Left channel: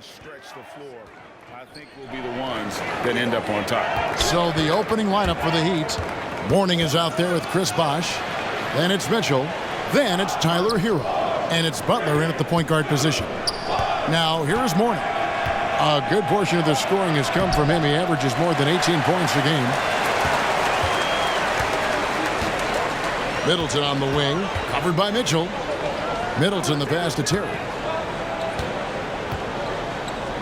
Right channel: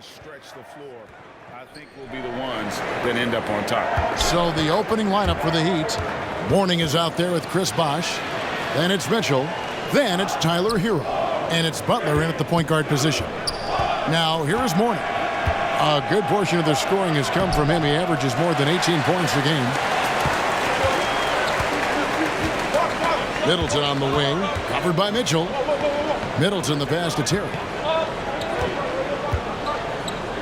stretch the floor, I think will be the ones that end up on top. So the opening lineup for the Heat. Mourning is out there with Chris Bosh. Then it's Mitchell. Then it's Tyler Hero. And it's Butler in at the point guard position. Now, here is Mourning. A good portion of the scoring has come from him. He averages more than 18 points a game. Middleton on the wing. Covered by Mitchell. Middleton the pass to Terry.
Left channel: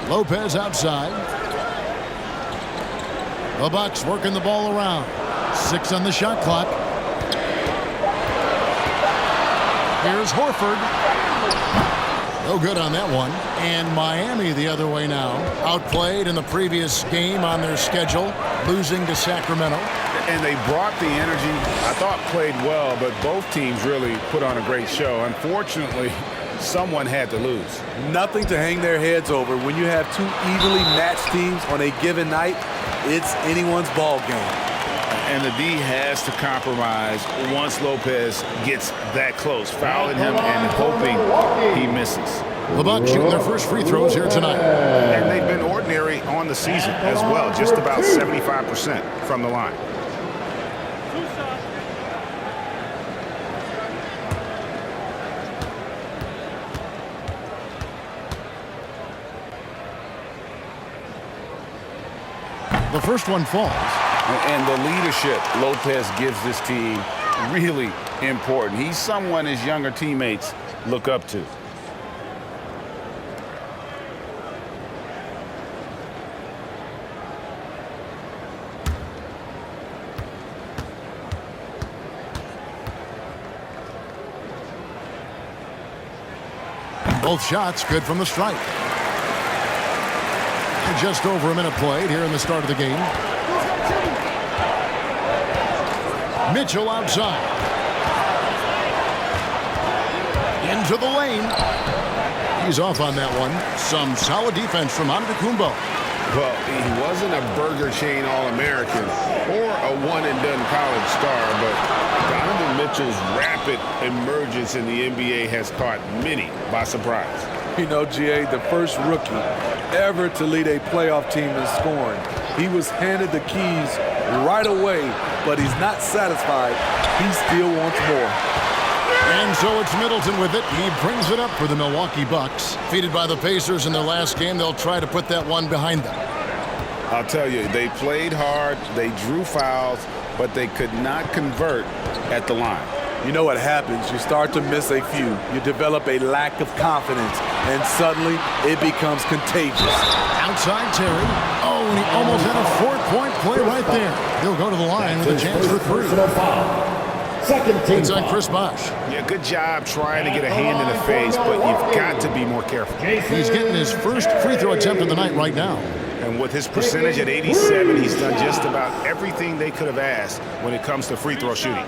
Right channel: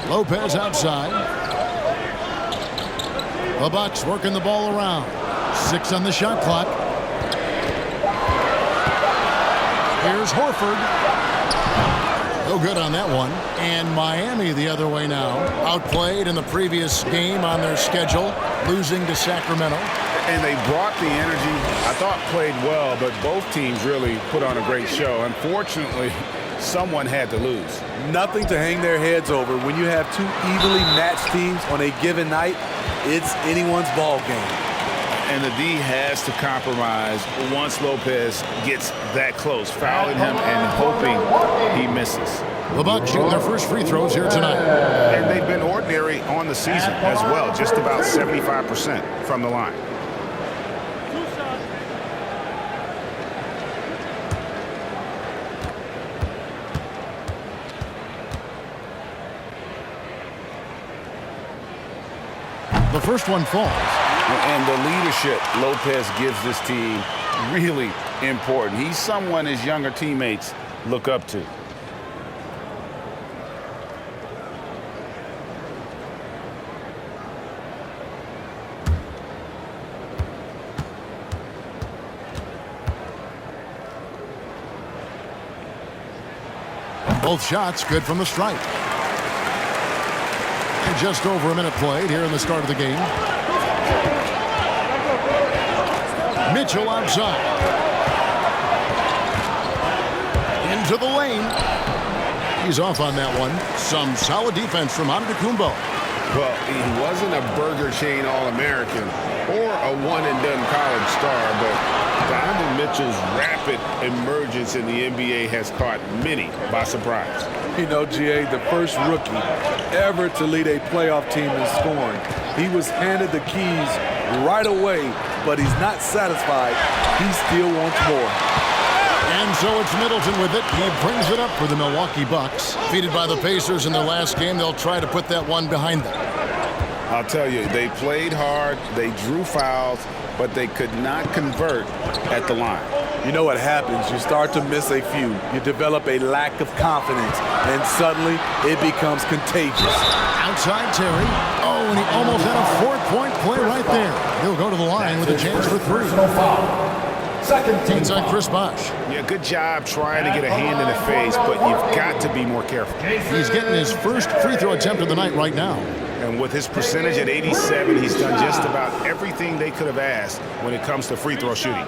Lopez outside. The Bucks working the ball around. 6 on the shot clock. Here's Horford. No good on that one. And Miami the other way now. Outplayed in the previous game on their schedule, losing to Sacramento. And they brought the energy. I thought played well, but both teams really put on a great show. Unfortunately, someone had to lose. Nothing to hang their heads over. When you have two evenly matched teams on a given night, it's anyone's ball game. And the D has to compromise once Lopez gets that close, fouling him and hoping he misses. The Bucks shooting their first free throws here tonight. And they've been ordinary on the season as well, just about 75% from the line. The first one falls. And the leadership Lopez gives this team really important. He's someone his younger teammates look up to. Both shots good from the stripe. And just over a minute played here in the start of the game. Mitchell outside. Into the lane. He's off on that one. Some solid defense from Antetokounmpo. Well, he wasn't a Burger Chain All-American or a one-and-done college star, but Donovan Mitchell's rapid emergence in the NBA has caught many by surprise. You know, GA, the first rookie ever to lead a playoff team in scoring. He was handed the keys right away, but he's not satisfied. He still wants more. And so it's Middleton with it. He brings it up for the Milwaukee Bucks. Defeated by the Pacers in their last game, they'll try to put that one behind them. I'll tell you, they played hard, they drew fouls, but they could not convert at the line. You know what happens? You start to miss a few. You develop a lack of confidence, and suddenly it becomes contagious. Outside Terry. Oh, and he almost had a 4-point play right there. He'll go to the line with a chance for 3. Second team inside Chris Bosh. Yeah, good job trying to get a hand in the face, but you've got to be more careful. He's getting his first free throw attempt of the night right now. And with his percentage at 87, he's done just about everything they could have asked when it comes to free throw shooting.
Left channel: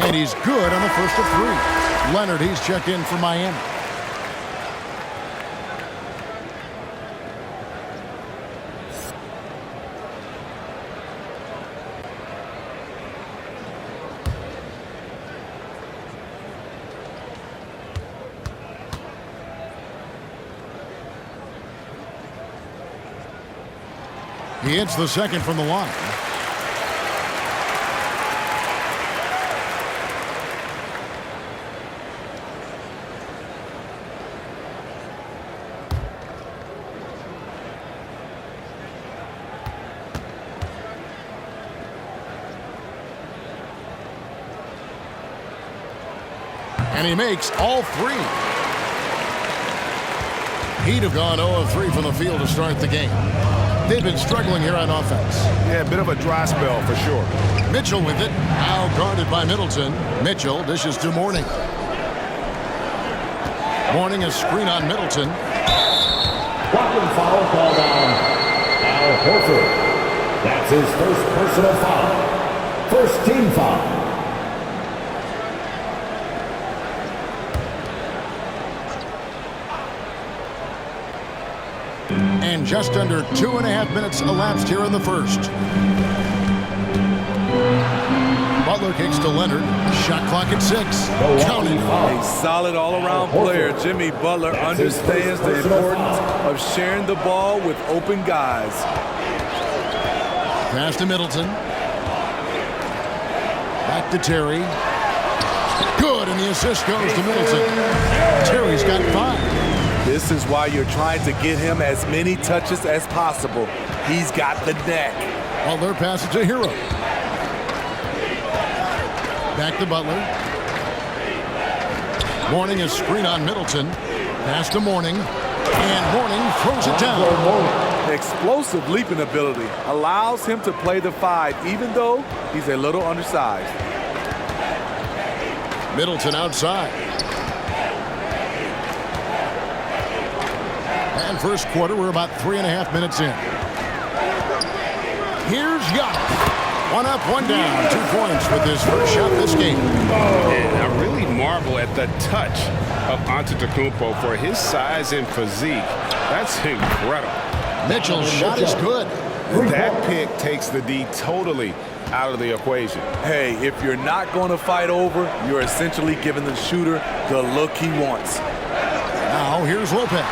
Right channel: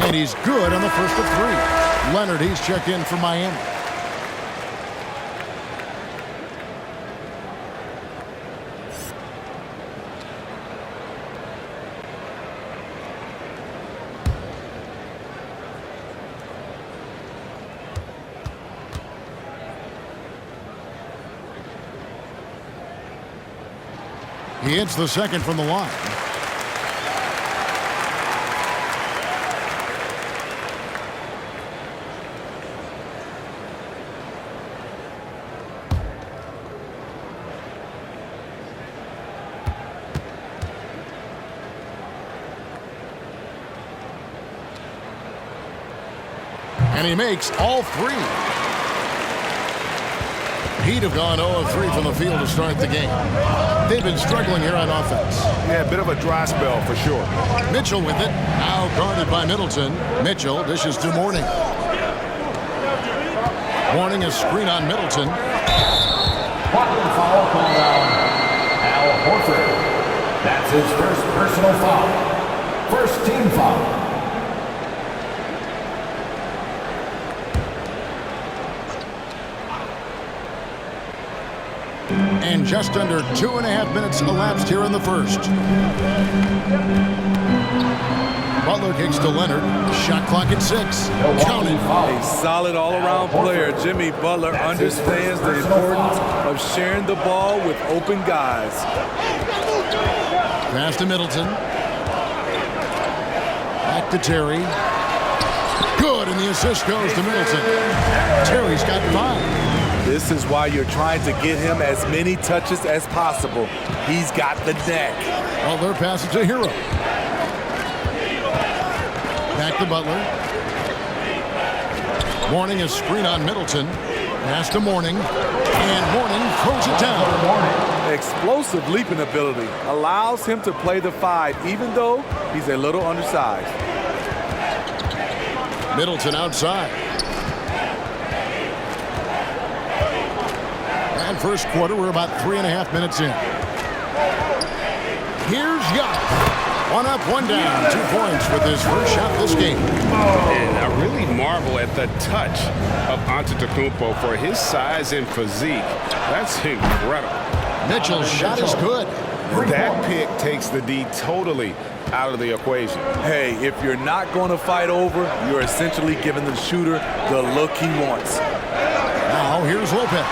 And he's good on the first of 3. Leonard, he's checked in for Miami. He hits the second from the line. And he makes all 3. He'd have gone 0 of 3 from the field to start the game. They've been struggling here on offense. Yeah, a bit of a dry spell for sure. Mitchell with it. Now guarded by Middleton. Mitchell dishes to Mourning. Mourning a screen on Middleton. Blocking foul called down. Al Horford. That's his first personal foul. First team foul. And Just under 2.5 minutes elapsed here in the first. Butler kicks to Leonard. Shot clock at 6. Counted. A solid all-around player. Jimmy Butler understands the importance of sharing the ball with open guys. Pass to Middleton. Back to Terry. Good, and the assist goes to Middleton. Terry's got 5. This is why you're trying to get him as many touches as possible. He's got the neck. Butler passes to Hero. Back to Butler. Mourning a screen on Middleton. Pass to Mourning. And Mourning throws it down. Explosive leaping ability allows him to play the 5, even though he's a little undersized. Middleton outside. And first quarter, we're about 3.5 minutes in. Here's Giannis. 1 up, 1 down. 2 points with his first shot this game. And I really marvel at the touch of Antetokounmpo for his size and physique. That's incredible. Mitchell's shot is good. That pick takes the D totally out of the equation. Hey, if you're not going to fight over, you're essentially giving the shooter the look he wants. Now here's Lopez.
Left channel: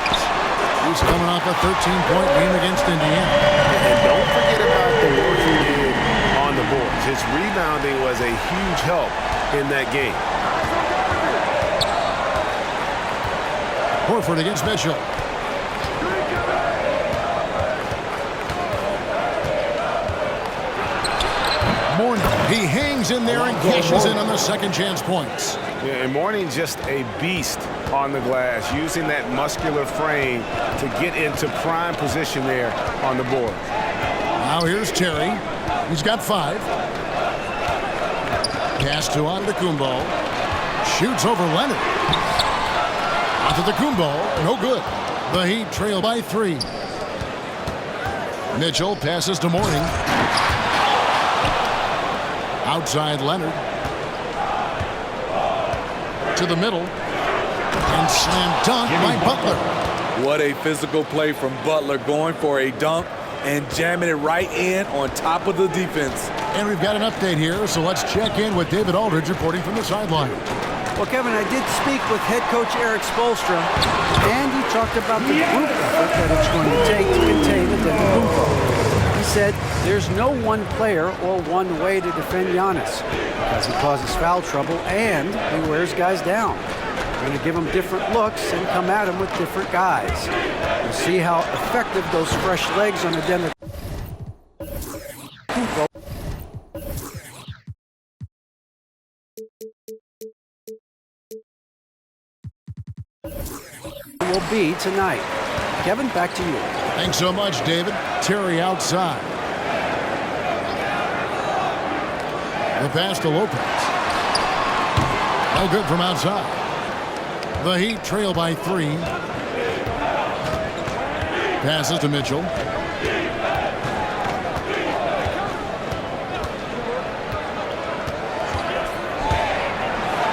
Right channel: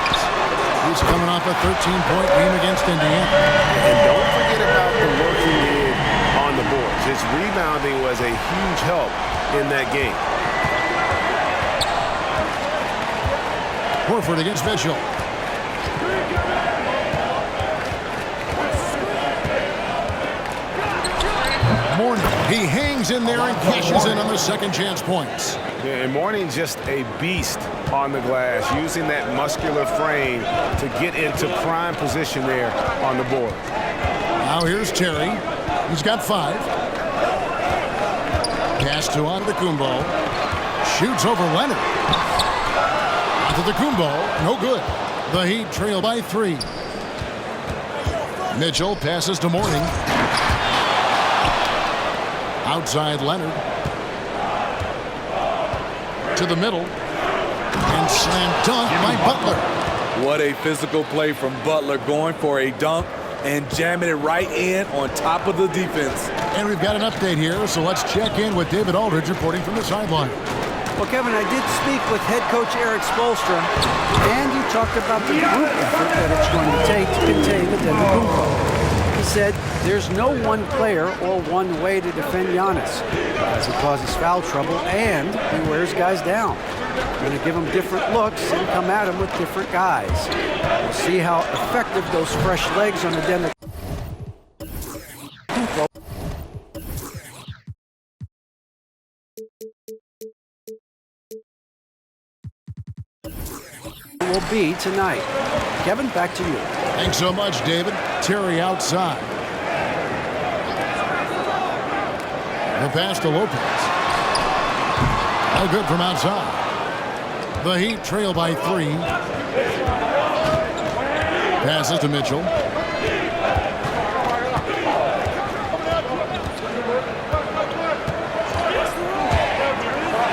He's coming off a 13-point game against Indiana. And don't forget about the work he did on the boards. His rebounding was a huge help in that game. Horford against Mitchell. Mourning. He hangs in there and cashes in on the second chance points. Yeah, and Mourning just a beast on the glass, using that muscular frame to get into prime position there on the board. Now here's Terry. He's got 5. Pass to Antetokounmpo. Shoots over Leonard. Antetokounmpo, no good. The Heat trail by 3. Mitchell passes to Mourning. Outside Leonard. To the middle. And slam dunk by Butler. What a physical play from Butler, going for a dunk and jamming it right in on top of the defense. And we've got an update here, so let's check in with David Aldridge reporting from the sideline. Well, Kevin, I did speak with head coach Eric Spoelstra, and he talked about the group effort that it's going to take to contain Antetokounmpo. He said there's no one player or one way to defend Giannis because he causes foul trouble and he wears guys down. We're going to give him different looks and come at him with different guys. We'll see how effective those fresh legs on Antetokounmpo will be tonight. Kevin, back to you. Thanks so much, David. Terry outside. The pass to Lopez. No good from outside. The Heat trail by 3. Passes to Mitchell.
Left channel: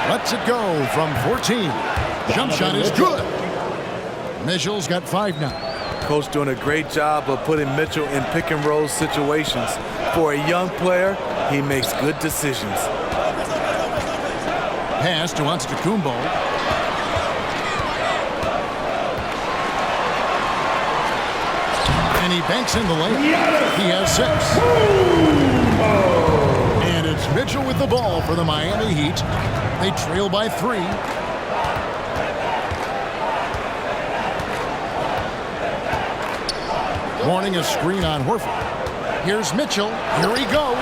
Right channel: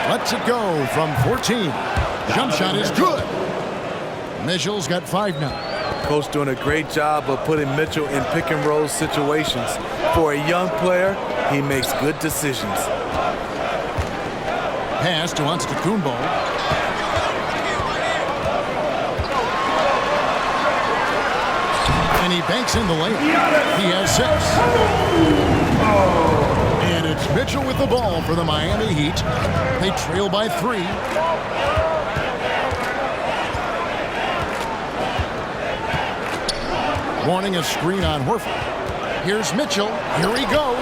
Lets it go from 14. Jump shot is good. Mitchell's got 5 now. Coach doing a great job of putting Mitchell in pick and roll situations. For a young player, he makes good decisions. Pass to Antetokounmpo. And he banks in the layup. He has 6. And it's Mitchell with the ball for the Miami Heat. They trail by 3. Warning a screen on Horford. Here's Mitchell. Here he goes.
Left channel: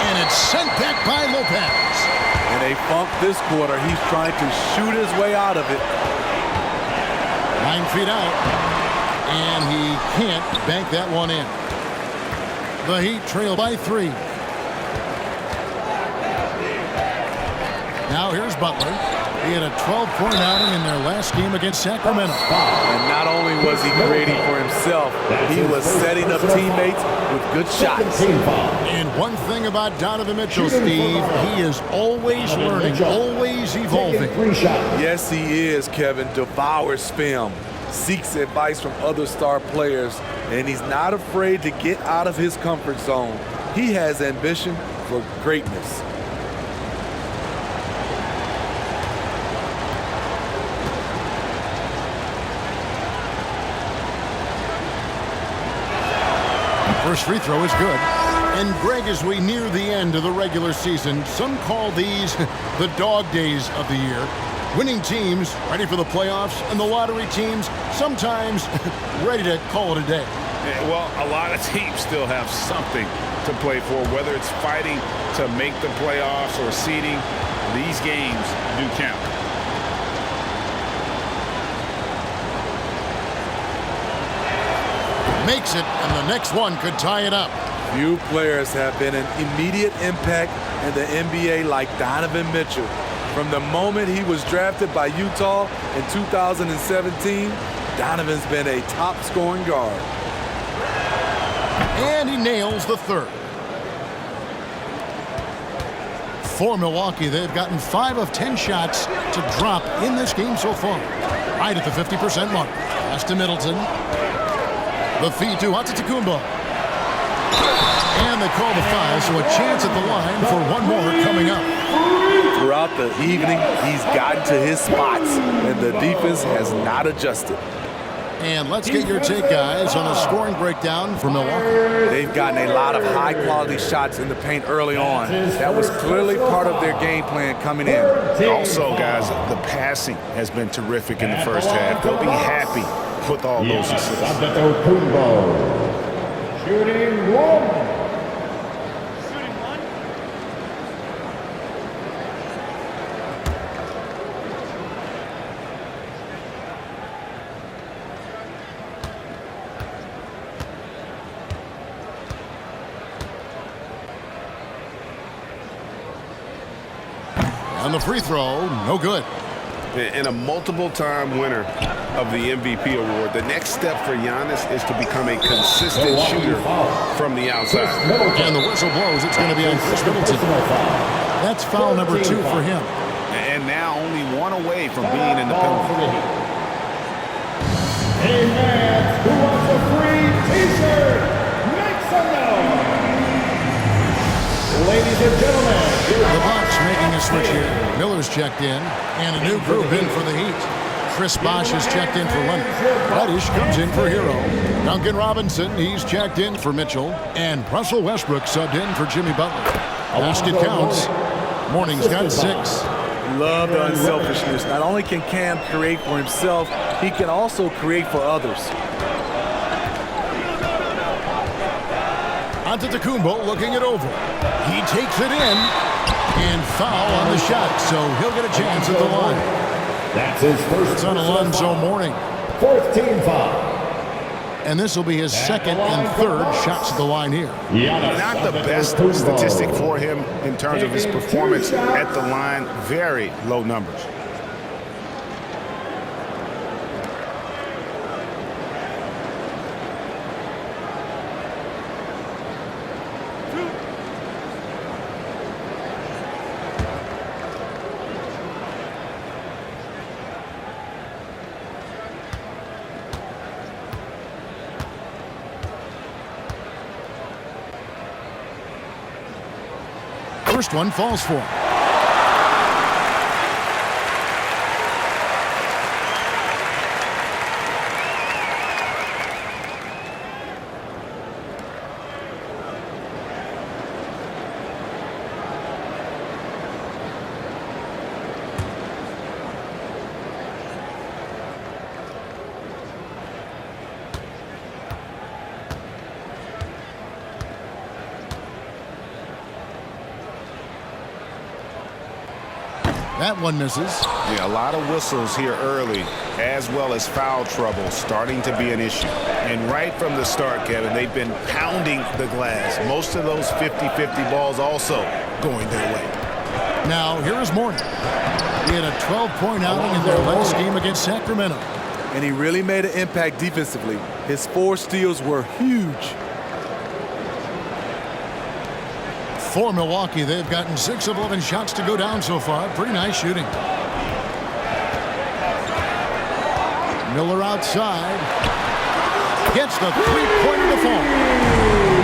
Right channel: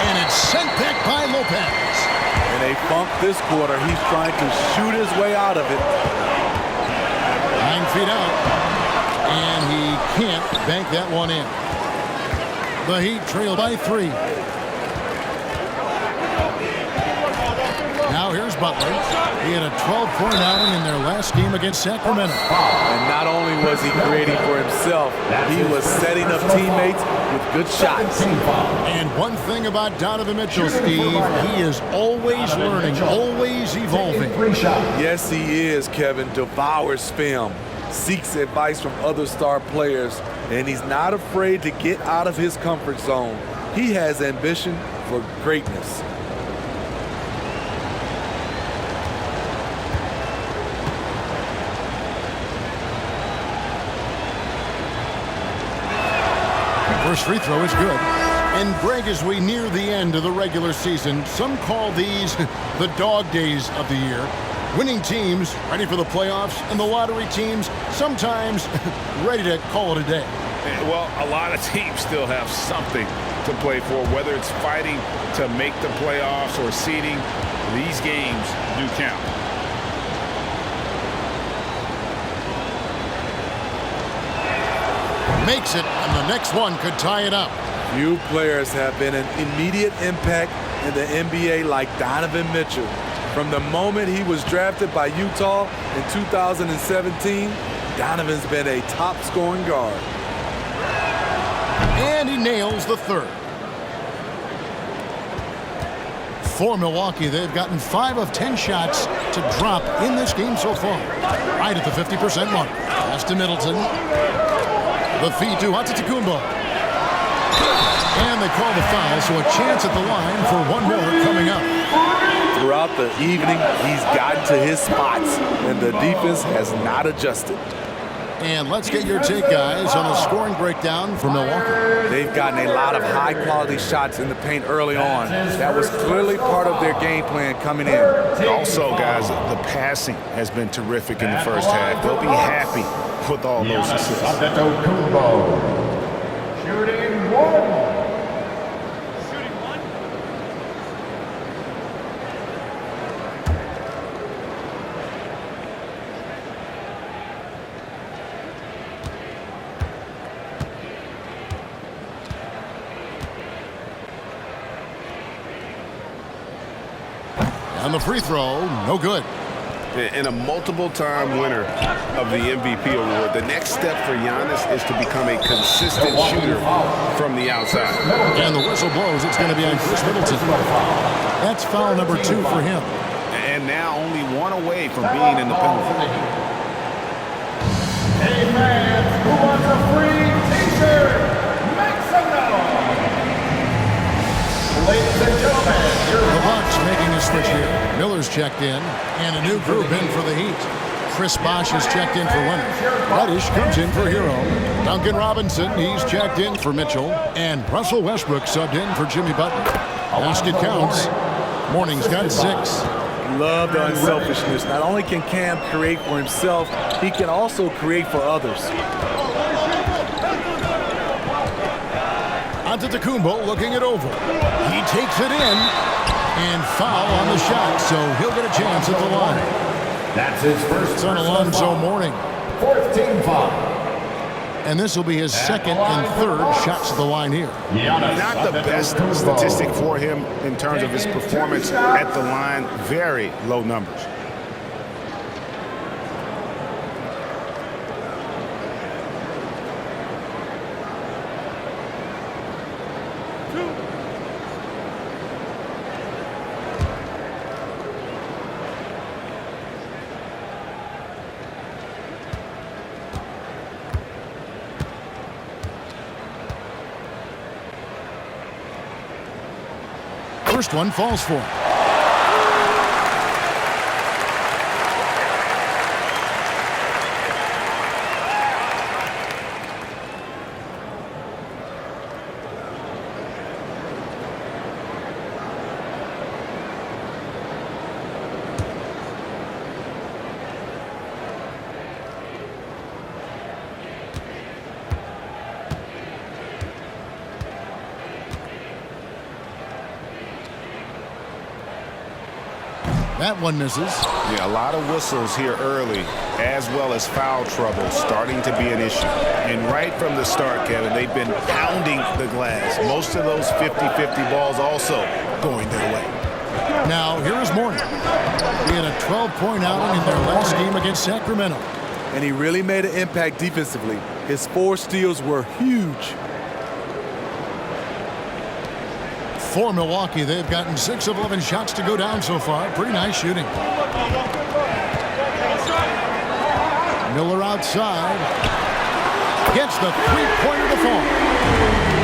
And it's sent back by Lopez. In a funk this quarter, he's trying to shoot his way out of it. 9 feet out. And he can't bank that one in. The Heat trail by 3. Now here's Butler. He had a 12-point outing in their last game against Sacramento. And not only was he creating for himself, he was setting up teammates with good shots. And one thing about Donovan Mitchell, Steve, he is always learning, always evolving. Yes, he is, Kevin. Devours film, seeks advice from other star players, and he's not afraid to get out of his comfort zone. He has ambition for greatness. First free throw is good. And Greg, as we near the end of the regular season, some call these the dog days of the year. Winning teams ready for the playoffs, and the lottery teams sometimes ready to call it a day. Well, a lot of teams still have something to play for, whether it's fighting to make the playoffs or seeding. These games do count. Makes it, and the next one could tie it up. Few players have been an immediate impact in the NBA like Donovan Mitchell. From the moment he was drafted by Utah in 2017, Donovan's been a top-scoring guard. And he nails the third. For Milwaukee, they've gotten 5 of 10 shots to drop in this game so far. Right at the 50% mark. Pass to Middleton. The feed to Antetokounmpo. And they call the foul, so a chance at the line for one more coming up. Throughout the evening, he's gotten to his spots, and the defense has not adjusted. And let's get your take, guys, on the scoring breakdown for Milwaukee. They've gotten a lot of high-quality shots in the paint early on. That was clearly part of their game plan coming in. Also, guys, the passing has been terrific in the first half. They'll be happy with all those assists. Antetokounmpo. Shooting one. And the free throw, no good. And a multiple-time winner of the MVP award. The next step for Giannis is to become a consistent shooter from the outside. And the whistle blows. It's going to be on Chris Middleton. That's foul number 2 for him. And now only one away from being in the penalty. Hey fans, who wants a free t-shirt? Make some noise! Ladies and gentlemen, The Bucks making a switch here. Miller's checked in, and a new group in for the Heat. Chris Bosh is checked in for Leonard. Reddish comes in for Hero. Duncan Robinson, he's checked in for Mitchell. And Russell Westbrook subbed in for Jimmy Butler. Basket counts. Morning's got 6. Love the unselfishness. Not only can Cam create for himself, he can also create for others. Antetokounmpo looking it over. He takes it in, and foul on the shot, so he'll get a chance at the line. That's his first. It's on Alonzo Mourning. 4th team foul. And this will be his second and third shots at the line here. Giannis Not the best statistic for him in terms of his performance at the line. Very low numbers. First one falls for him. That one misses. Yeah, a lot of whistles here early, as well as foul trouble starting to be an issue. And right from the start, Kevin, they've been pounding the glass. Most of those 50-50 balls also going their way. Now, here is Mourning. He had a 12-point outing in their last game against Sacramento. And he really made an impact defensively. His 4 steals were huge. For Milwaukee, they've gotten 6 of 11 shots to go down so far. Pretty nice shooting. Miller outside. gets the three-pointer to fall.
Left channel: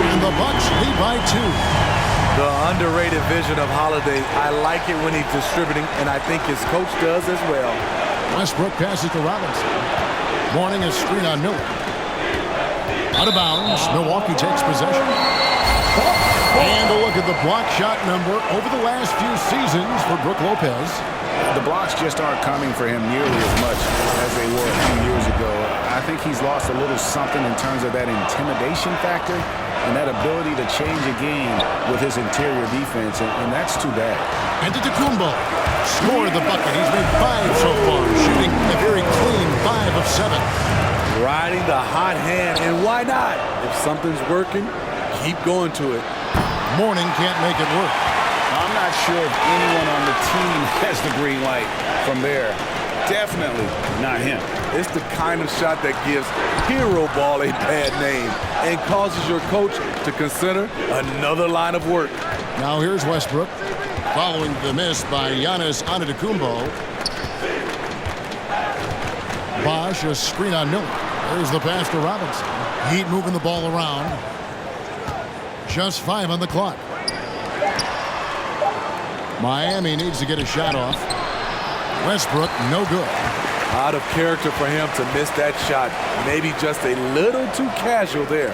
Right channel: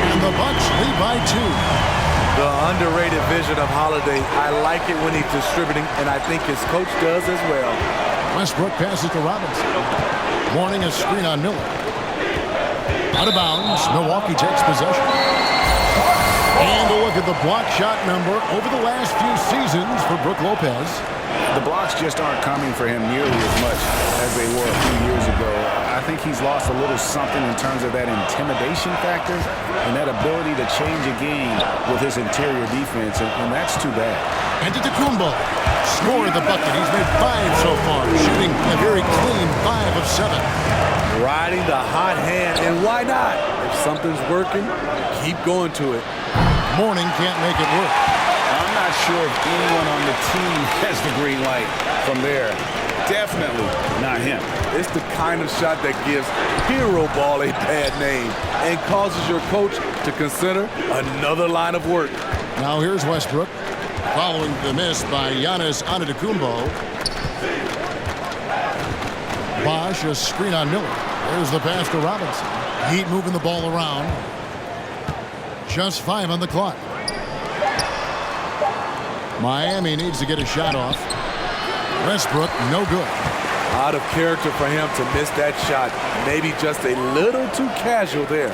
And the Bucks lead by 2. The underrated vision of Holiday. I like it when he's distributing, and I think his coach does as well. Westbrook passes to Robinson. Mourning a screen on Miller. Out of bounds, Milwaukee takes possession. And a look at the block shot number over the last few seasons for Brook Lopez. The blocks just aren't coming for him nearly as much as they were a few years ago. I think he's lost a little something in terms of that intimidation factor and that ability to change a game with his interior defense, and that's too bad. Antetokounmpo scored the bucket. He's made 5 so far, shooting a very clean 5 of 7. Riding the hot hand, and why not? If something's working, keep going to it. Mourning can't make it work. I'm not sure if anyone on the team has the green light from there. Definitely not him. It's the kind of shot that gives hero ball a bad name and causes your coach to consider another line of work. Now here's Westbrook, following the miss by Giannis Antetokounmpo. Bosh, a screen on Miller. There's the pass to Robinson. Heat moving the ball around. Just 5 on the clock. Miami needs to get a shot off. Westbrook, no good. Out of character for him to miss that shot. Maybe just a little too casual there.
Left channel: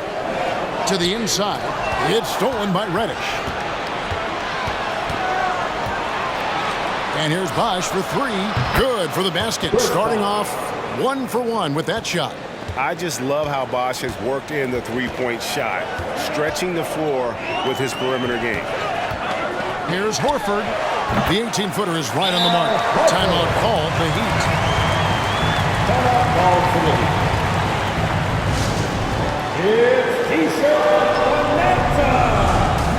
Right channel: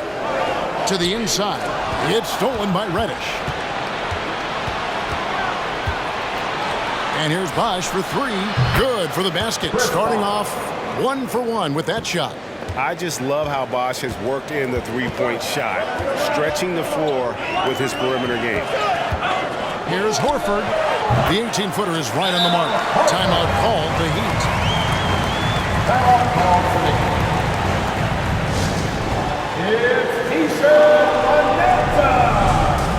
To the inside. It's stolen by Reddish. And here's Bosh for 3. Good for the basket. Starting off 1 for 1 with that shot. I just love how Bosh has worked in the three-point shot, stretching the floor with his perimeter game. Here's Horford. The 18-footer is right on the mark. Timeout called the Heat. Timeout called for the Heat. It's T-shirt Lanetta.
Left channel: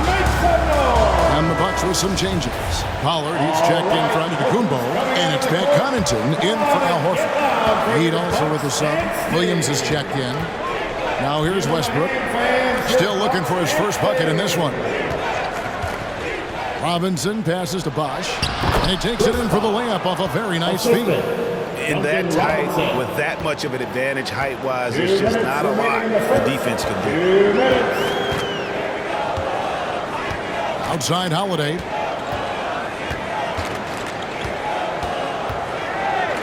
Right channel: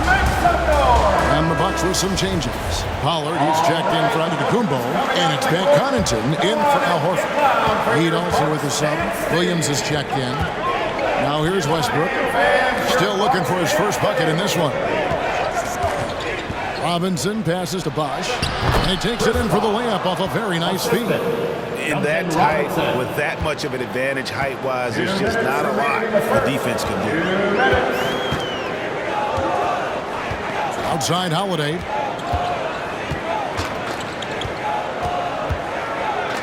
Make some noise. And the Bucks with some changes. Pollard, he's checked in for Antetokounmpo, and it's Pat Connaughton in for Al Horford. Heat also with the sub. Williams is checked in. Now here's Westbrook. Still looking for his first bucket in this one. Robinson passes to Bosh, and he takes it in for the layup off a very nice feed. In that tight, with that much of an advantage height-wise, there's just not a lot the defense can do. Outside Holiday.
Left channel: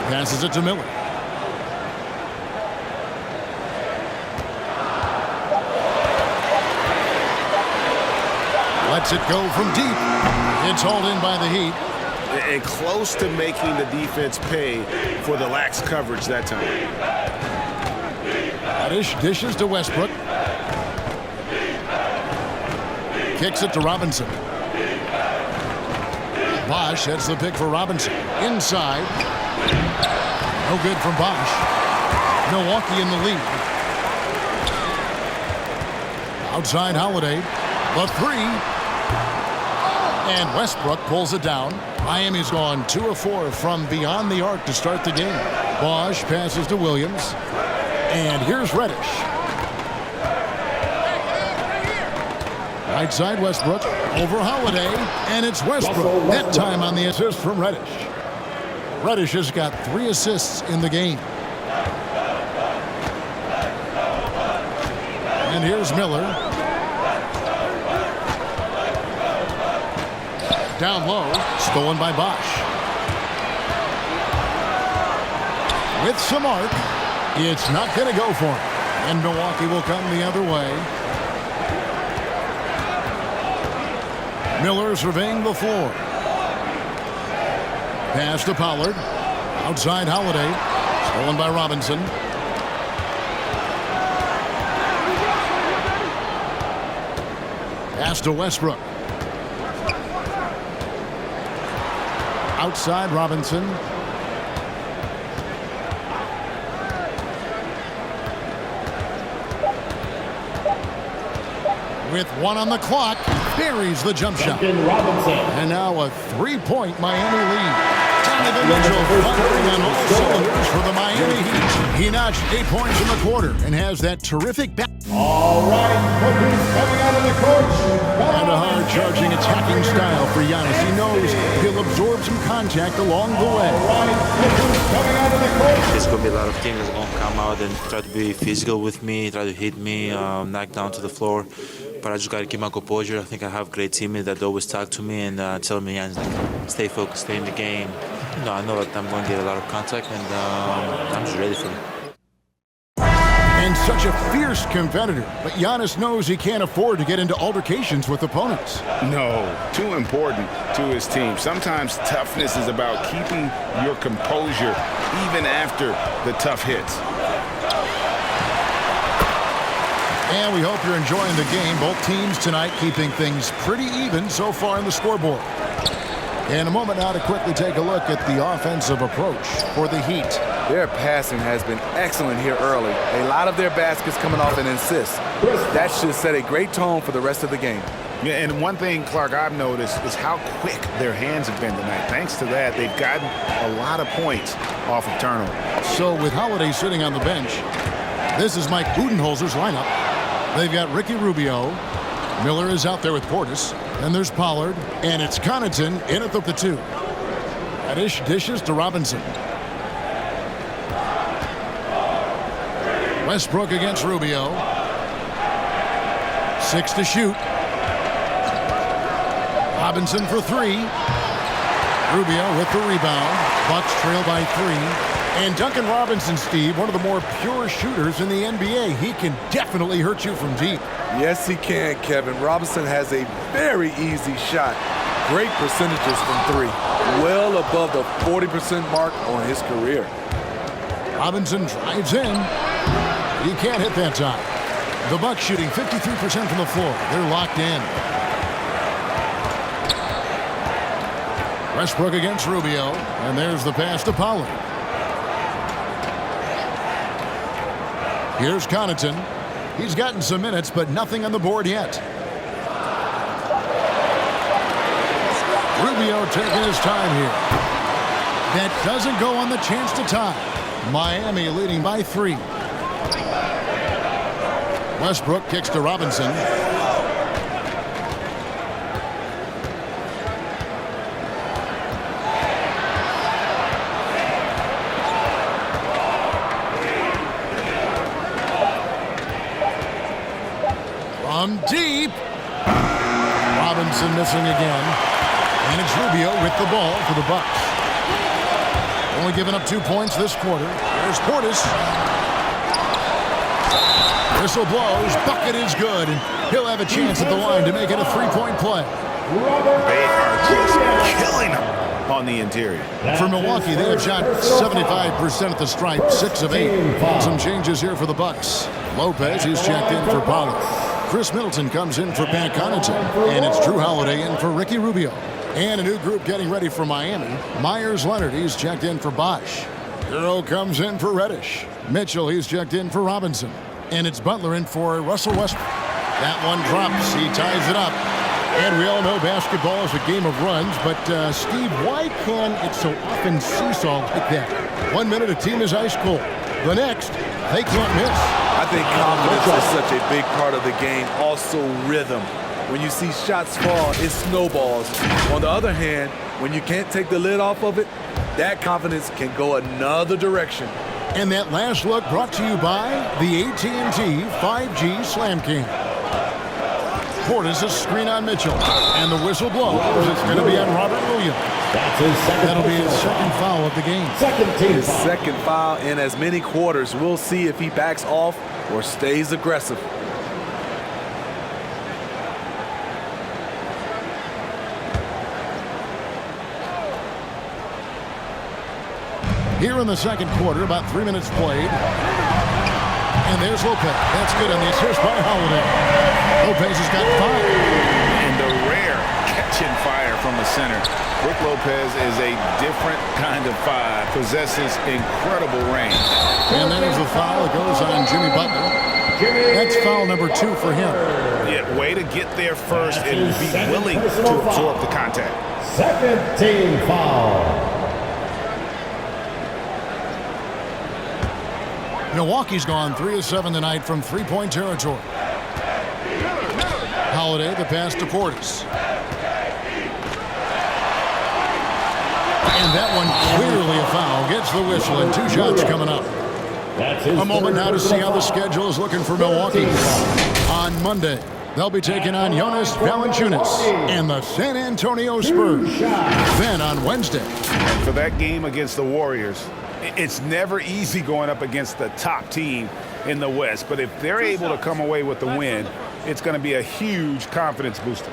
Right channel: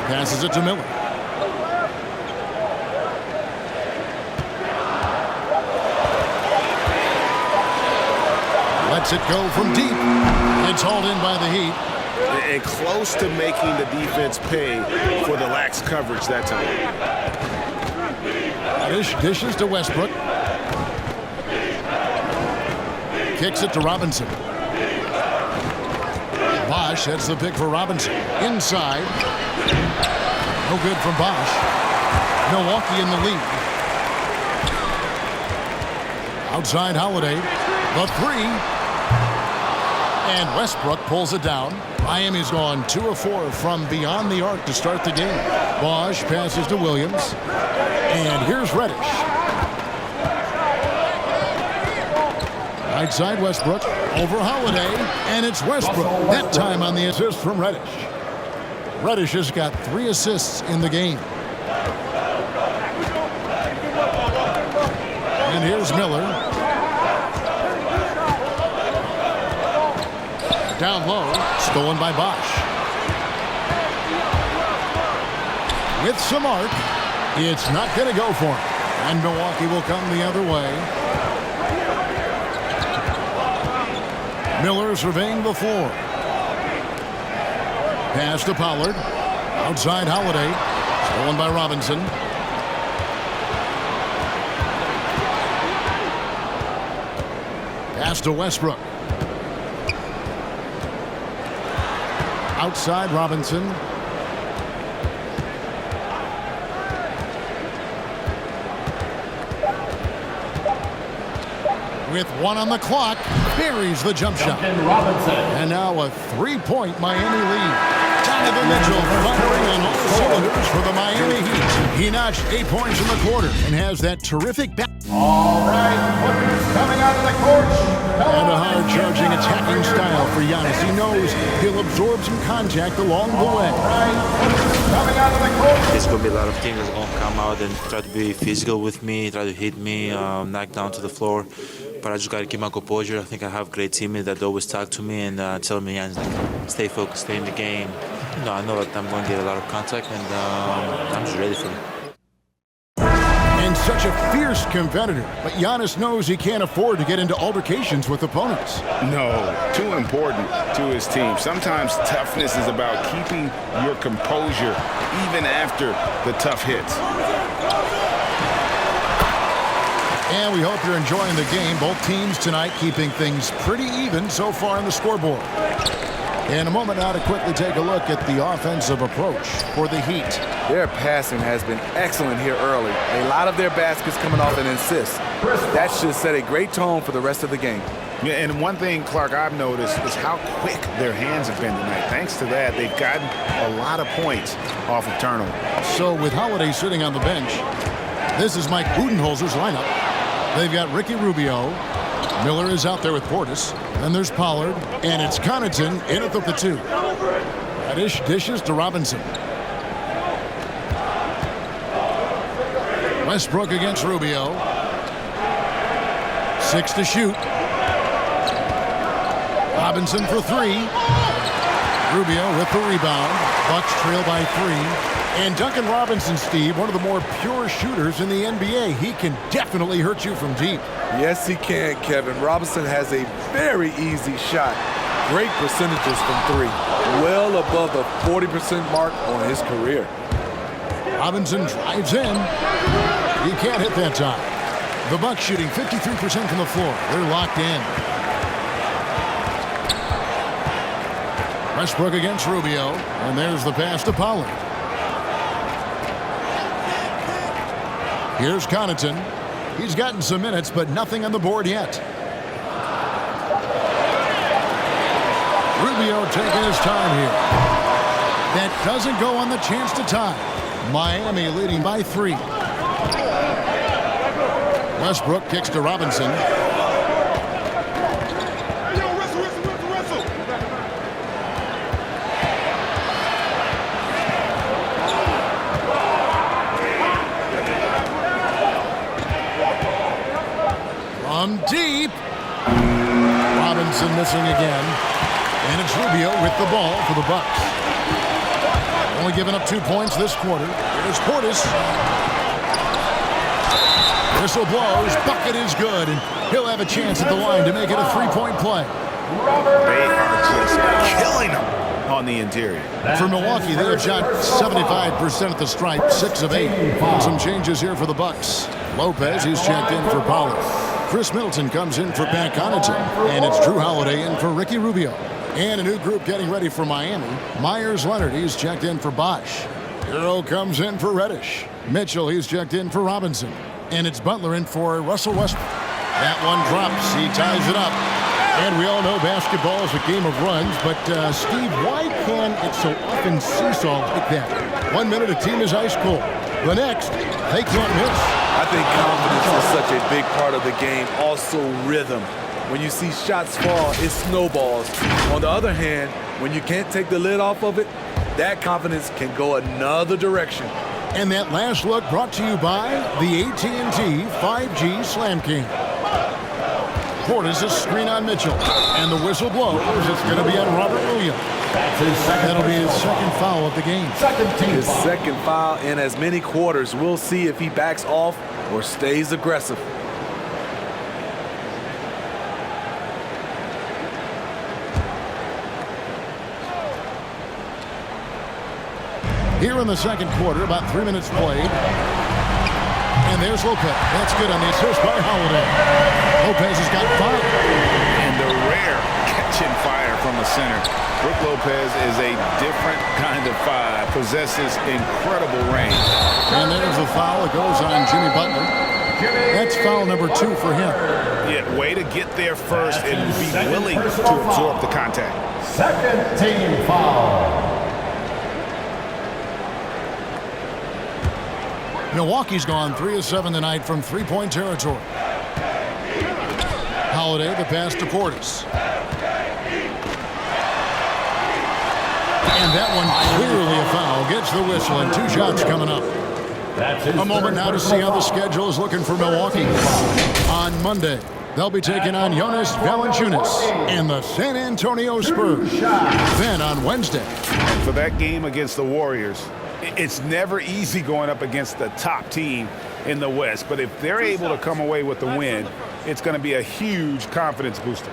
Passes it to Miller. Lets it go from deep. It's hauled in by the Heat. And close to making the defense pay for the lax coverage that time. Dishes to Westbrook. Kicks it to Robinson. Bosh hits the pick for Robinson. Inside. No good from Bosh. Milwaukee in the lead. Outside Holiday. The 3. And Westbrook pulls it down. Miami's gone 2 of 4 from beyond the arc to start the game. Bosh passes to Williams. And here's Reddish. Right side Westbrook. Over Holiday. And it's Westbrook. That time on the assist from Reddish. Reddish has got 3 assists in the game. And here's Miller. Down low, stolen by Bosh. With some arc, it's not going to go for him. And Milwaukee will come the other way. Miller surveying the floor. Pass to Pollard. Outside Holiday. Stolen by Robinson. Pass to Westbrook. Outside Robinson. With 1 on the clock, buries the jump shot. Robinson. And now a 3-point Miami lead. Donovan Mitchell firing on all cylinders for the Miami Heat. He notched 8 points in the quarter and has that terrific back. All right, look who's coming out of the And a hard-charging, attacking style for Giannis. He knows he'll absorb some contact along the way. There's going to be a lot of teams that's going to come out and try to be physical with me, try to hit me, knock down to the floor. But I just got to keep my composure. I think I have great teammates that always talk to me and tell me, stay focused, stay in the game. I know that I'm going to get a lot of contact, and I'm just ready for it. And such a fierce competitor, but Giannis knows he can't afford to get into altercations with opponents. No, too important to his team. Sometimes toughness is about keeping your composure even after the tough hits. And we hope you're enjoying the game. Both teams tonight keeping things pretty even so far on the scoreboard. In a moment now to quickly take a look at the offensive approach for the Heat. Their passing has been excellent here early. A lot of their baskets coming off an assist. That should set a great tone for the rest of the game. Yeah, and one thing, Clark, I've noticed is how quick their hands have been tonight. Thanks to that, they've gotten a lot of points off of turnover. So with Holiday sitting on the bench, this is Mike Budenholzer's lineup. They've got Ricky Rubio. Miller is out there with Portis. Then there's Pollard. And it's Connaughton in at the 2. Reddish dishes to Robinson. Westbrook against Rubio. 6 to shoot. Robinson for 3. Rubio with the rebound. Bucks trail by 3. And Duncan Robinson, Steve, one of the more pure shooters in the NBA. He can definitely hurt you from deep. Yes, he can, Kevin. Robinson has a very easy shot. Great percentages from 3. Well above the 40% mark on his career. Robinson drives in. He can't hit that time. The Bucks shooting 53% from the floor. They're locked in. Westbrook against Rubio. And there's the pass to Pollard. Here's Connaughton. He's gotten some minutes, but nothing on the board yet. Rubio taking his time here. That doesn't go on the chance to tie. Miami leading by 3. Westbrook kicks to Robinson. From deep. Robinson missing again. And it's Rubio with the ball for the Bucks. Only giving up 2 points this quarter. Here's Portis. Whistle blows. Bucket is good. And he'll have a chance at the line to make it a 3-point play. They are just killing them on the interior. For Milwaukee, they have shot 75% at the stripe, 6 of 8. And some changes here for the Bucks. Lopez, he's checked in for Pollard. Chris Middleton comes in for Pat Connaughton. And it's Drew Holiday in for Ricky Rubio. And a new group getting ready for Miami. Myers Leonard, he's checked in for Bosch. Hero comes in for Reddish. Mitchell, he's checked in for Robinson. And it's Butler in for Russell Westbrook. That one drops. He ties it up. And we all know basketball is a game of runs. But, Steve, why can it so often seesaw like that? 1 minute a team is ice cold. The next, they can't miss. I think confidence is such a big part of the game. Also rhythm. When you see shots fall, it snowballs. On the other hand, when you can't take the lid off of it, that confidence can go another direction. And that last look brought to you by the AT&T 5G Slam Cam. Portis a screen on Mitchell. And the whistle blows. It's going to be on Robert Williams. That's his second. That'll be his second foul of the game. His second foul in as many quarters. We'll see if he backs off or stays aggressive. Here in the second quarter, about 3 minutes played. And there's Lopez. That's good on the assist by Holiday. Lopez has got 5. And the rare catching fire from the center. Brook Lopez is a different kind of 5. Possesses incredible range. And there's the foul. It goes on Jimmy Butler. That's foul number 2 for him. Yeah, way to get there first and be willing to absorb the contact. Second team foul. Milwaukee's gone 3 of 7 tonight from 3-point territory. Holiday, the pass to Portis. And that one clearly a foul. Gets the whistle and 2 shots coming up. A moment now to see how the schedule is looking for Milwaukee. On Monday, they'll be taking on Giannis Valanciunas and the San Antonio Spurs. Then on Wednesday. And for that game against the Warriors, it's never easy going up against the top team in the West. But if they're able to come away with the win, it's going to be a huge confidence booster.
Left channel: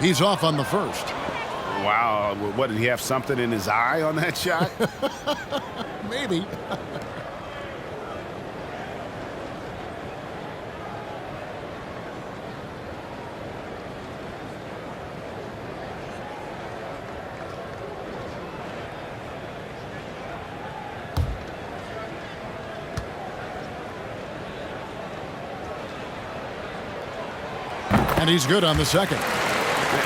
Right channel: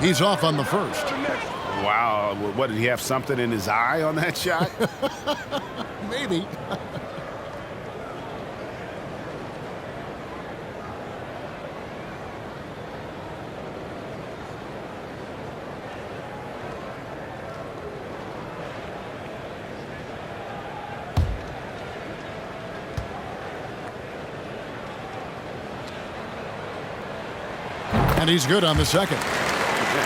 He's off on the first. Wow, what, did he have something in his eye on that shot? Maybe. And he's good on the second.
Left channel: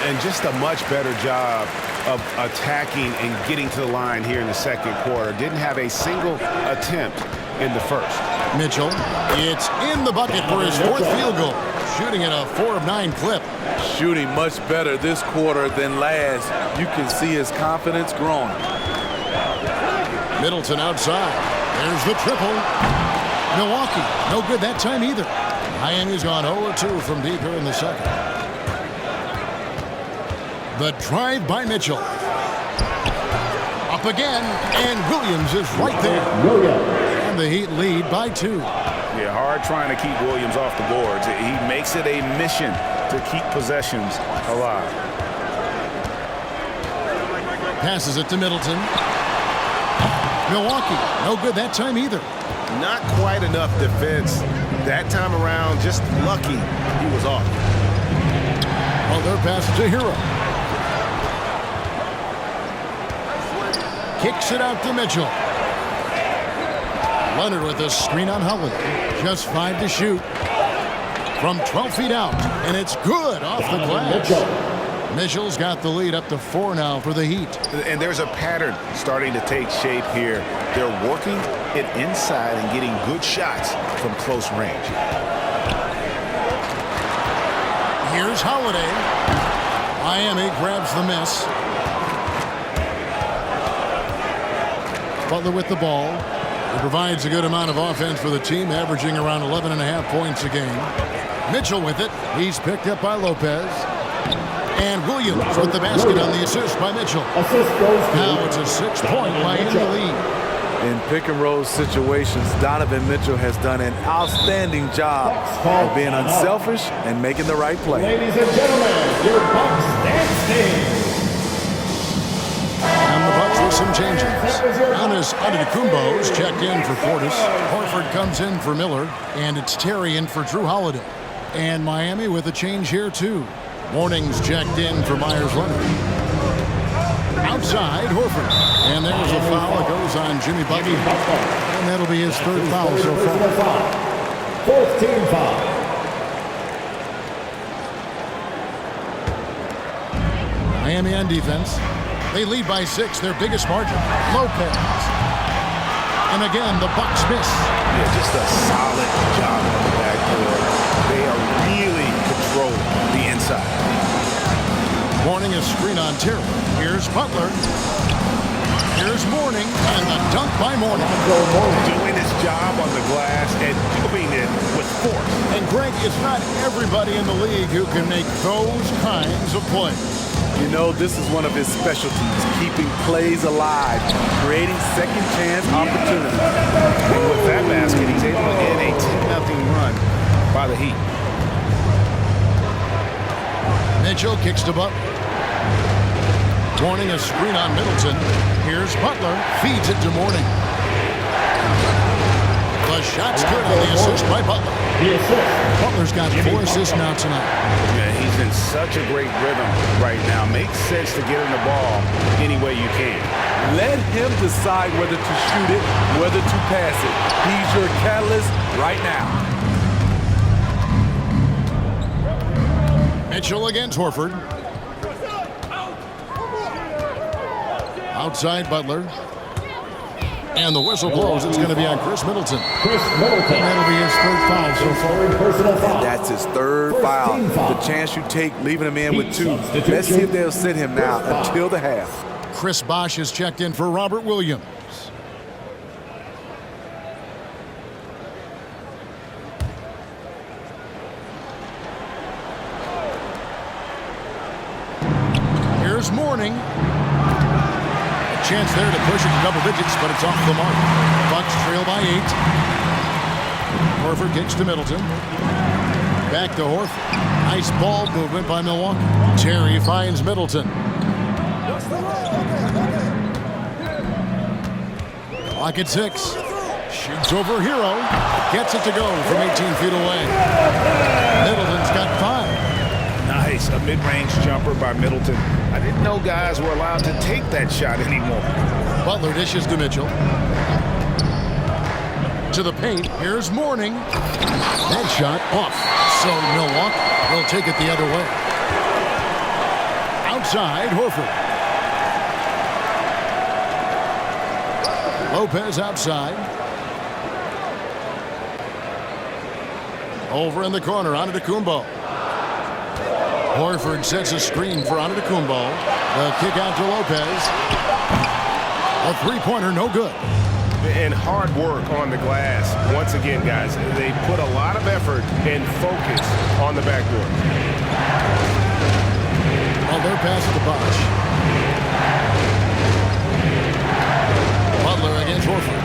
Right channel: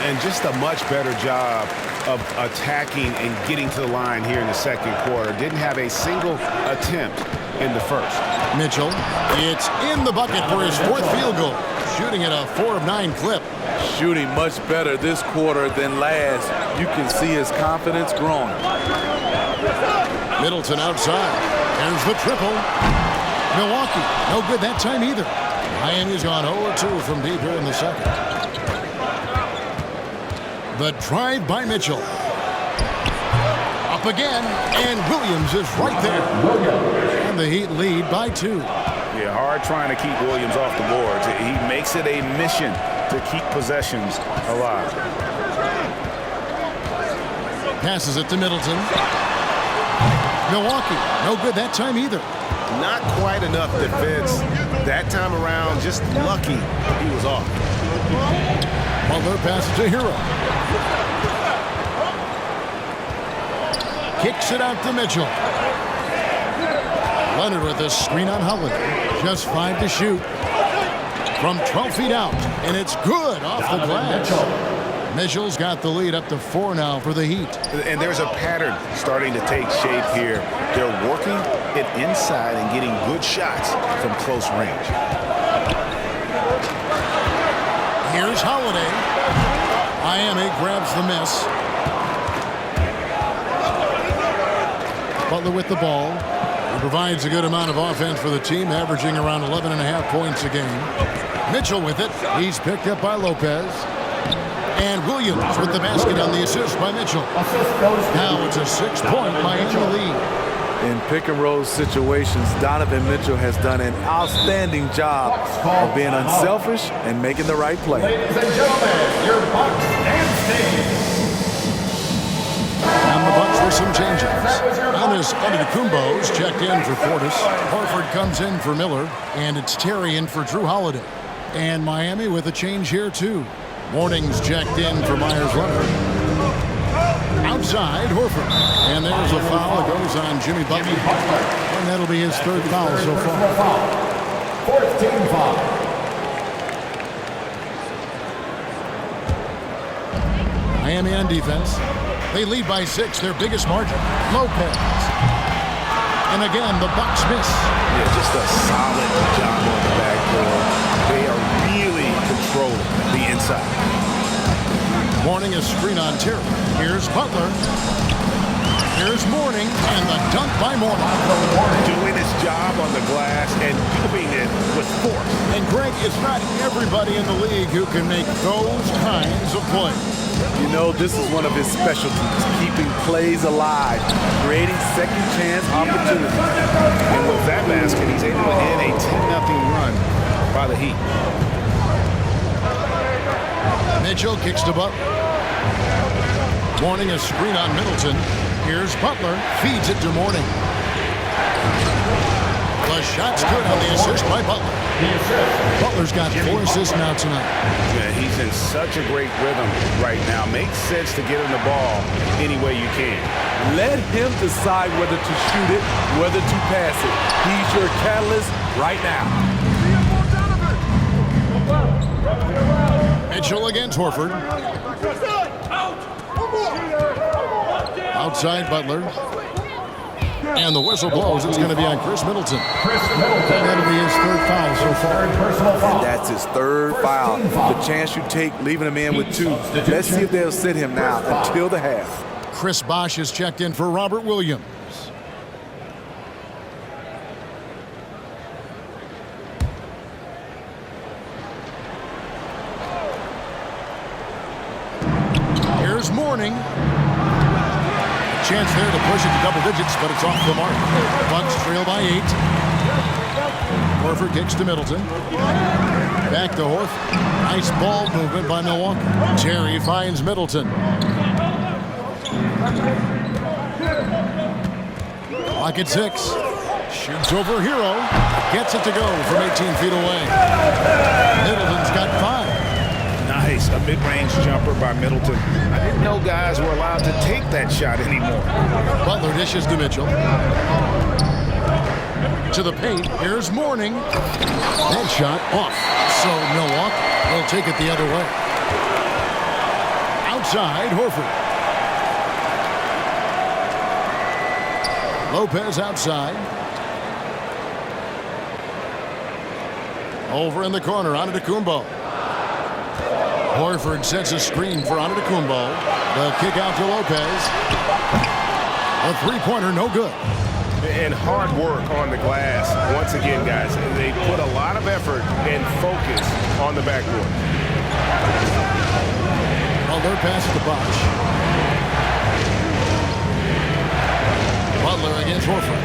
And just a much better job of attacking and getting to the line here in the second quarter. Didn't have a single attempt in the first. Mitchell, it's in the bucket for his 4th field goal. Shooting at a 4 of 9 clip. Shooting much better this quarter than last. You can see his confidence growing. Middleton outside. There's the triple. Milwaukee, no good that time either. Miami's gone 0-2 from deep here in the second. The drive by Mitchell. Up again, and Williams is right there. And the Heat lead by 2. Yeah, hard trying to keep Williams off the boards. He makes it a mission to keep possessions alive. Passes it to Middleton. Milwaukee, no good that time either. Not quite enough defense that time around. Just lucky he was off. Butler passes to Hero. Kicks it out to Mitchell. Leonard with a screen on Holiday. Just 5 to shoot. From 12 feet out. And it's good off the glass. Mitchell's got the lead up to 4 now for the Heat. And there's a pattern starting to take shape here. They're working it inside and getting good shots from close range. Here's Holiday. Miami grabs the miss. Butler with the ball. He provides a good amount of offense for the team, averaging around 11.5 points a game. Mitchell with it. He's picked up by Lopez. And Williams with the basket on the assist by Mitchell. Now it's a 6-point Miami lead. In pick-and-roll situations, Donovan Mitchell has done an outstanding job of being unselfish and making the right play. Ladies and gentlemen, your Bucks dance team. And the Bucks with some changes. Giannis Antetokounmpo's checked in for Portis. Horford comes in for Miller. And it's Terry in for Drew Holiday. And Miami with a change here, too. Morning's checked in for Myers Leonard. Outside, Horford. And there's a foul that goes on Jimmy Butler. And that'll be his 3rd foul so far. 4th team foul. Miami on defense. They lead by 6, their biggest margin. Lopez. And again, the Bucks miss. Yeah, just a solid job on the backboard. They are really controlling the inside. Mourning a screen on Terry. Here's Butler. Here's Mourning, and the dunk by Mourning. Doing his job on the glass and doing it with force. And Greg, it's not everybody in the league who can make those kinds of plays. You know, this is one of his specialties, keeping plays alive, creating second chance opportunities. And with that basket, he's able to end a 10-0 run by the Heat. Mitchell kicks to Butler. Mourning a screen on Middleton. Here's Butler. Feeds it to Mourning. The shot's good on the assist by Butler. Butler's got 4 assists now tonight. Yeah, he's in such a great rhythm right now. Makes sense to get him the ball any way you can. Let him decide whether to shoot it, whether to pass it. He's your catalyst right now. Mitchell against Horford. Outside Butler. And the whistle blows. It's going to be on Chris Middleton. Chris Middleton. And that'll be his third foul so far. Third personal foul. And that's his third foul. Team foul. The chance you take leaving him in with 2. Let's see if they'll sit him now until the half. Chris Bosh is checked in for Robert Williams. Here's Mourning. A chance there to push it to double digits, but it's off the mark. Bucks trail by 8. Horford kicks to Middleton. Back to Horford. Nice ball movement by Milwaukee. Terry finds Middleton. Clock at 6. Shoots over Hero. Gets it to go from 18 feet away. Middleton's got 5. Nice, a mid-range jumper by Middleton. I didn't know guys were allowed to take that shot anymore. Butler dishes to Mitchell. To the paint. Here's Mourning. That shot off. So Milwaukee will take it the other way. Outside, Horford. Lopez outside. Over in the corner, Antetokounmpo. Horford sets a screen for Antetokounmpo. The kick out to Lopez. A three-pointer, no good. And hard work on the glass. Once again, guys, they put a lot of effort and focus on the backboard. Butler passes to Bosh. Butler against Horford.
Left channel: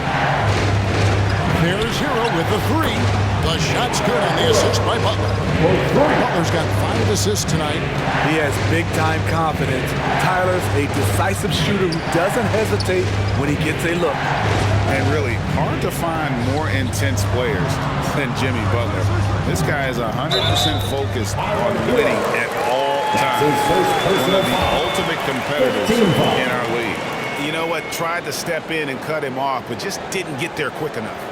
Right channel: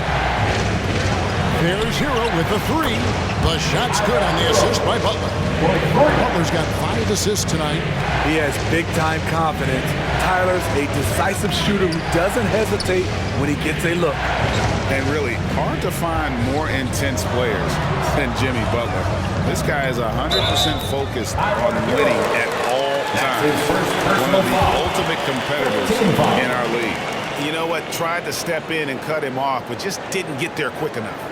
There's Hero with the 3. The shot's good on the assist by Butler. Butler's got 5 assists tonight. He has big-time confidence. Tyler's a decisive shooter who doesn't hesitate when he gets a look. And really, hard to find more intense players than Jimmy Butler. This guy is 100% focused on winning at all times. One of the ultimate competitors in our league. You know what? Tried to step in and cut him off, but just didn't get there quick enough.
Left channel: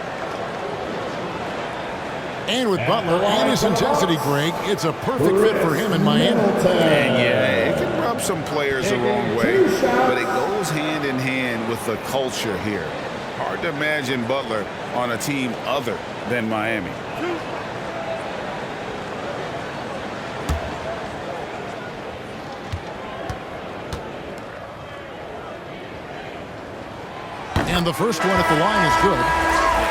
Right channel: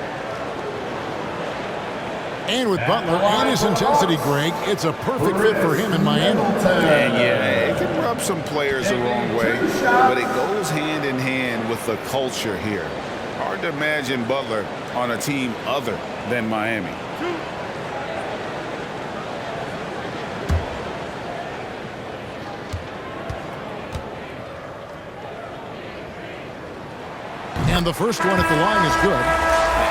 And with Butler and his intensity, Greg, it's a perfect fit for him in Miami. And yeah, it can rub some players the wrong way, but it goes hand in hand with the culture here. Hard to imagine Butler on a team other than Miami. And the first one at the line is good.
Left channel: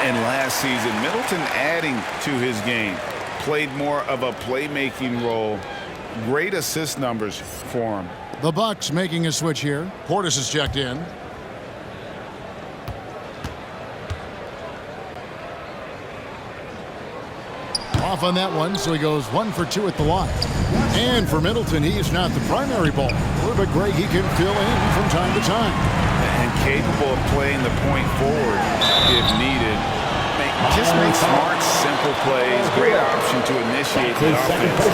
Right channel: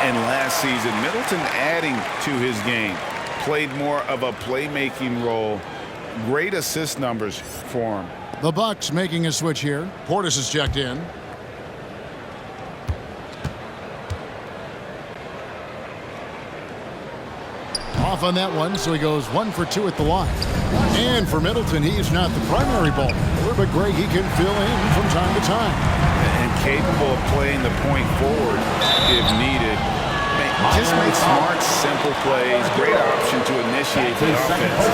And last season, Middleton adding to his game. Played more of a playmaking role. Great assist numbers for him. The Bucks making a switch here. Portis is checked in. Off on that one, so he goes 1 for 2 at the line. And for Middleton, he's not the primary ball handler, but Greg, he can fill in from time to time. And capable of playing the point forward if needed. Just make smart, simple plays. Great option to initiate the offense.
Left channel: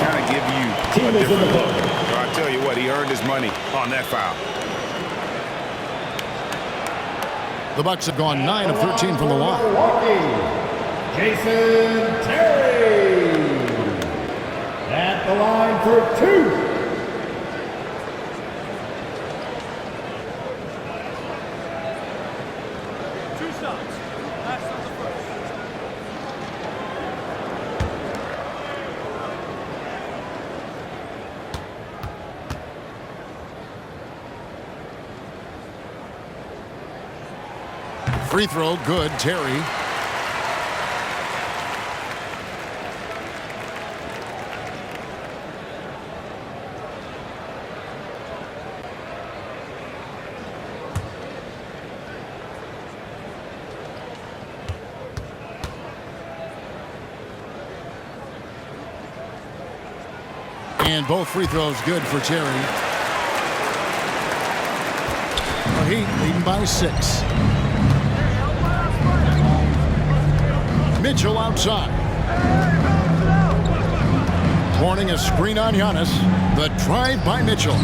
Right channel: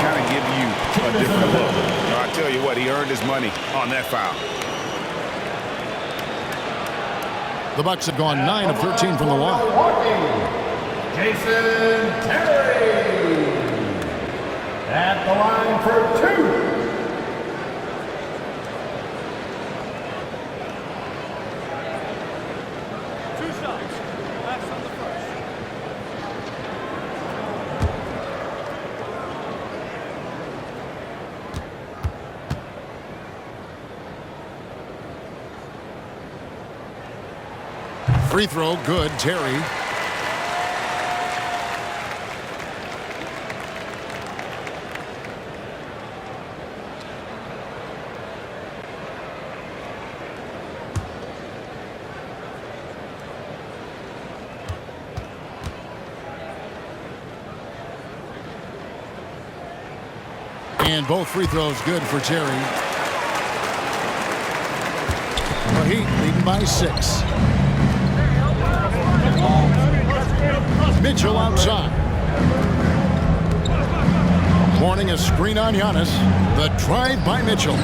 Kind of give you a different look. I'll tell you what, he earned his money on that foul. The Bucks have gone 9 of 13 from the line. Jason Terry at the line for 2. Shots. Last on the first. Free throw, good. Terry. And both free throws good for Terry. The Heat leading by 6. Mitchell outside. Mourning a screen on Giannis. The drive by Mitchell.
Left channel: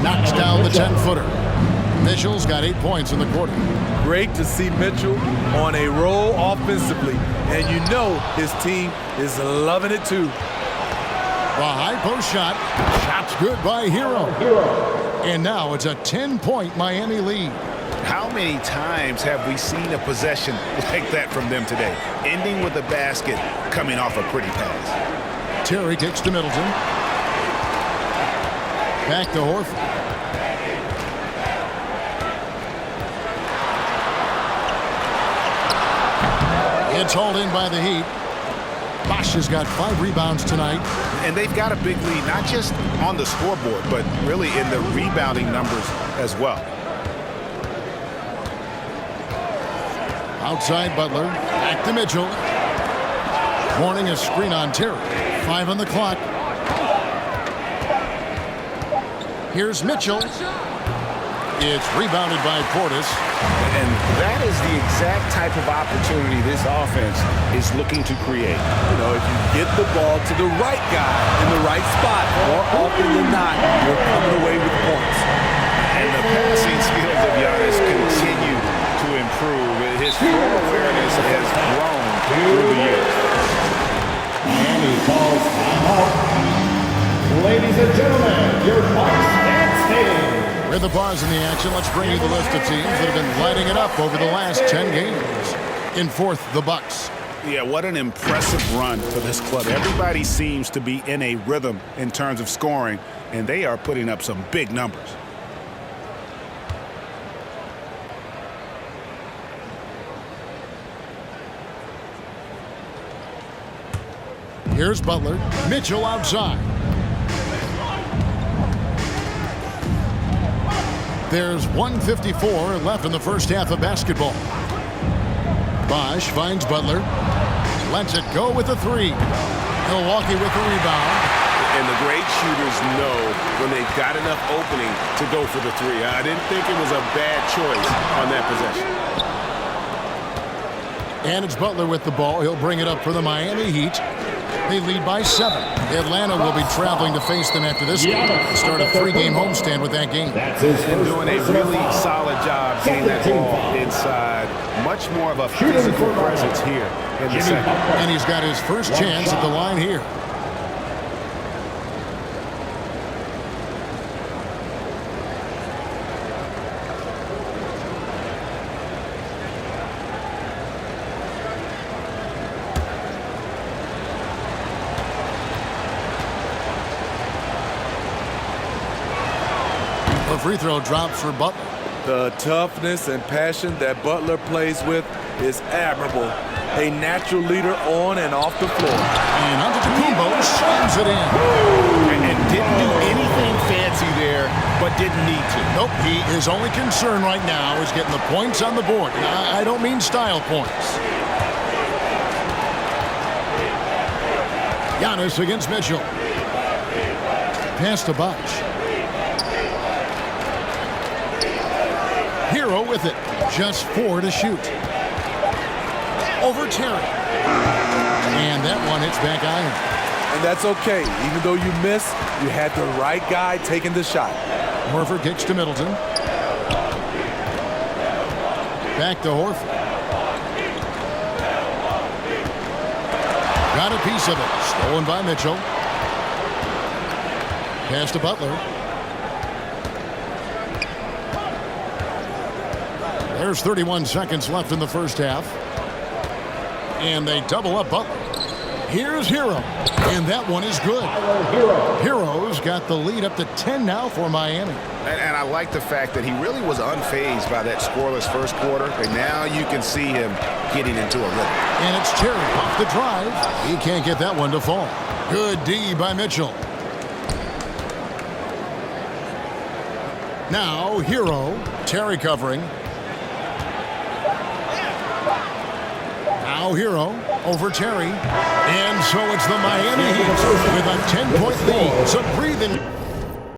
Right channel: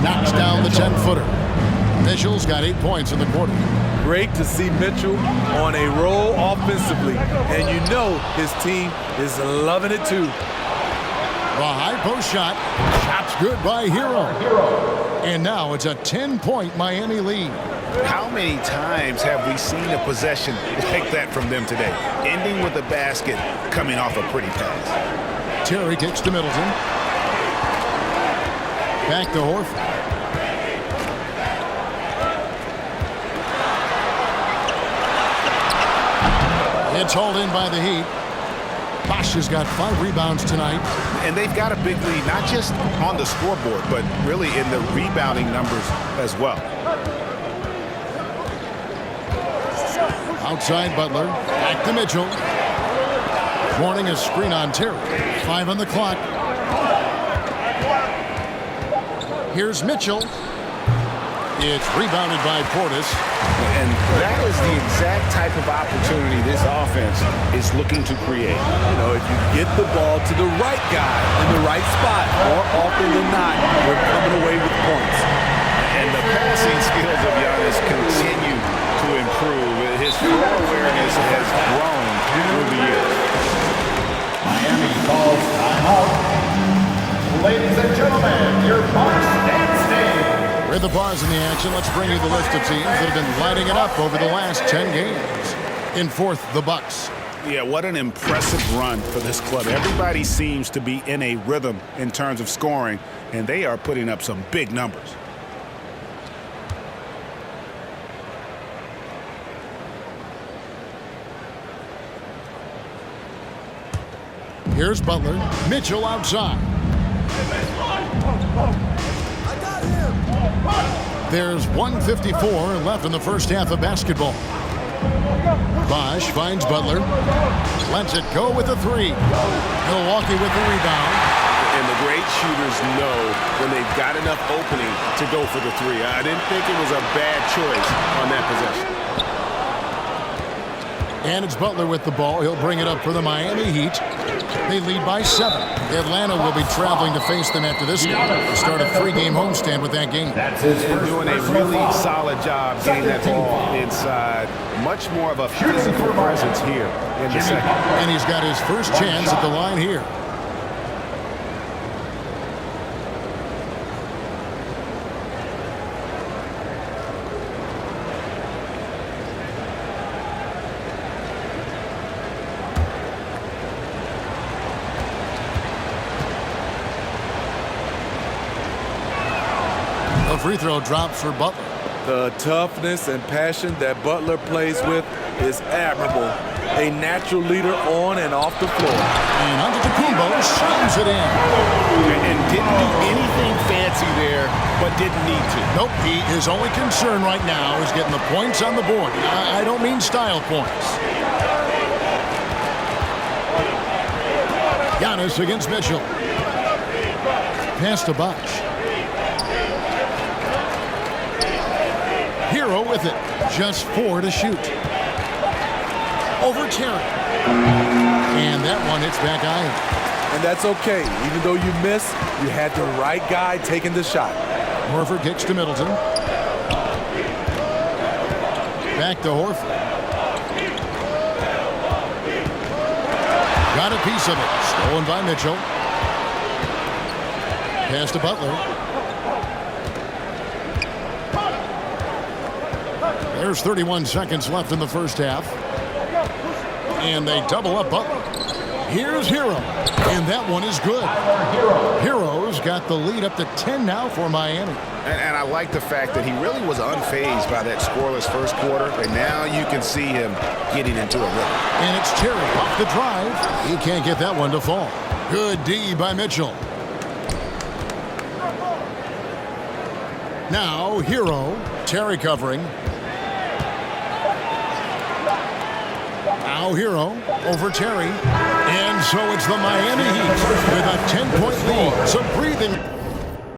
Knocks down the 10-footer. Mitchell's got 8 points in the quarter. Great to see Mitchell on a roll offensively. And you know his team is loving it too. The high post shot. Shot's good by Hero. And now it's a 10-point Miami lead. How many times have we seen a possession like that from them today? Ending with a basket, coming off a pretty pass. Terry kicks to Middleton. Back to Horford. It's hauled in by the Heat. Bosch has got 5 rebounds tonight. And they've got a big lead, not just on the scoreboard, but really in the rebounding numbers as well. Outside Butler. Back to Mitchell. Warning, a screen on Terry. 5 on the clock. Here's Mitchell. It's rebounded by Portis. And that is the exact type of opportunity this offense is looking to create. You know, if you get the ball to the right guy in the right spot, more often than not, you're coming away with points. And the passing skills of Giannis continue to improve. His floor awareness has grown through the years. Miami calls timeout. Ladies and gentlemen, your Bucks standing. With the pause in the action, let's bring you the list of teams that have been lighting it up over the last 10 games. In fourth, the Bucks. Yeah, what an impressive run for this club. Everybody seems to be in a rhythm in terms of scoring, and they are putting up some big numbers. Here's Butler. Mitchell outside. There's 1:54 left in the first half of basketball. Bosch finds Butler. Lets it go with a 3. Milwaukee with the rebound. And the great shooters know when they've got enough opening to go for the 3. I didn't think it was a bad choice on that possession. And it's Butler with the ball. He'll bring it up for the Miami Heat. They lead by 7. Atlanta will be traveling to face them after this game. The start of 3-game homestand with that game. And doing a really solid job getting that ball inside. Much more of a physical presence here in the second. And he's got his first chance at the line here. The free throw drops for Butler. The toughness and passion that Butler plays with is admirable. A natural leader on and off the floor. And Antetokounmpo slams it in. And didn't do anything fancy there, but didn't need to. Nope, his only concern right now is getting the points on the board. I don't mean style points. Giannis against Mitchell. Pass to Bosch. Hero with it. Just 4 to shoot. Over Terry. And that one hits back iron. And that's okay. Even though you miss, you had the right guy taking the shot. Horford kicks to Middleton. Back to Horford. Got a piece of it. Stolen by Mitchell. Pass to Butler. There's 31 seconds left in the first half. And they double up Butler. Here's Hero. And that one is good. Hero's got the lead up to 10 now for Miami. And I like the fact that he really was unfazed by that scoreless first quarter. And now you can see him getting into a rhythm. And it's Terry off the drive. He can't get that one to fall. Good D by Mitchell. Now Hero. Terry covering. Now Hero over Terry. And so it's the Miami Heat with a 10-point lead. Some breathing.